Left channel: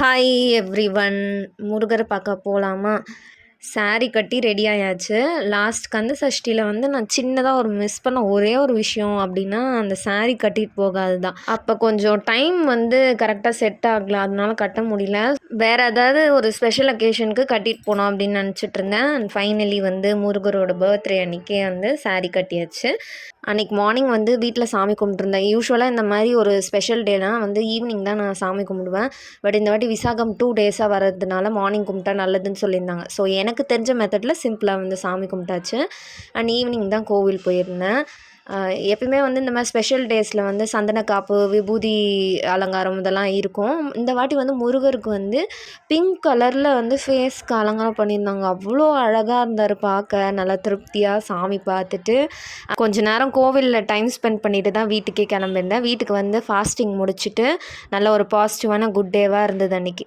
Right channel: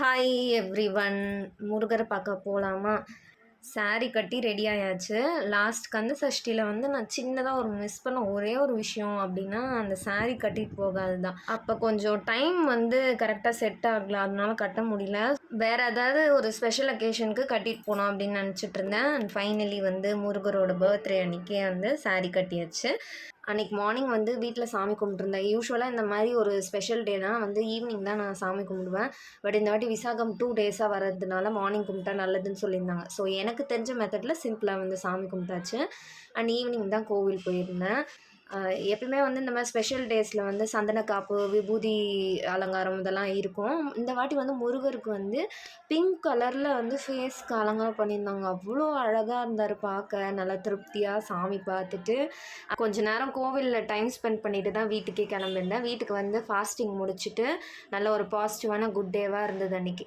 Hi every one Murugar பார்க்க போகலாமா saree கட்டி ரெடி ஆயாச்சு. லாஸ்ட் கந்த சஷ்டியில் வந்து நான் சின்னதாக ஒரு மிஸ் பண்ண ஒரே ஒரு விஷயம் அப்படின்னா அந்த saree கட்டிட்டு போகாது தான் அப்போ கொஞ்சம் டைம் வந்து கரெக்டாக செட் ஆகல அதனால கட்ட முடியல. வேறு ஏதாவது ஒரு ஸ்பெஷல் அக்கேஷனுக்கு கட்டிட்டு போனோம் அப்படின்னு நினச்சிட்டு இருந்தேன். அண்ட் ஃபைனலி வந்து முருகரோட பர்த்டே அன்னைக்கே வந்து saree கட்டியாச்சு. அன்றைக்கி மார்னிங் வந்து வீட்டில் சாமி கும்பிட்ருந்தேன் யூஸ்வலாக இந்த மாதிரி ஒரு ஸ்பெஷல் டேலாம் வந்து ஈவினிங் தான் நான் சாமி கும்பிடுவேன். பட் இந்த வாட்டி விசாகம் டூ டேஸாக வர்றதுனால மார்னிங் கும்பிட்டா நல்லதுன்னு சொல்லியிருந்தாங்க. ஸோ எனக்கு எனக்கு தெரிஞ்ச மெத்தடில் சிம்பிளாக வந்து சாமி கும்பிட்டாச்சு. அண்ட் ஈவினிங் தான் கோவில் போயிருந்தேன். எப்பயுமே வந்து இந்த மாதிரி ஸ்பெஷல் டேஸில் வந்து சந்தன காப்பு விபூதி அலங்காரம் இதெல்லாம் இருக்கும். இந்த வாட்டி வந்து முருகருக்கு வந்து பிங்க் கலரில் வந்து ஃபேஸ்க்கு அலங்காரம் பண்ணியிருந்தாங்க. அவ்வளோ அழகாக இருந்தார் பார்க்க. நல்லா திருப்தியாக சாமி பார்த்துட்டு கொஞ்ச நேரம் கோவிலில் டைம் ஸ்பெண்ட் பண்ணிட்டு தான் வீட்டுக்கே கிளம்பிருந்தேன் வீட்டுக்கு வந்து ஃபாஸ்டிங் முடிச்சுட்டு நல்ல ஒரு பாசிட்டிவான குட் டேவாக இருந்தது அன்றைக்கி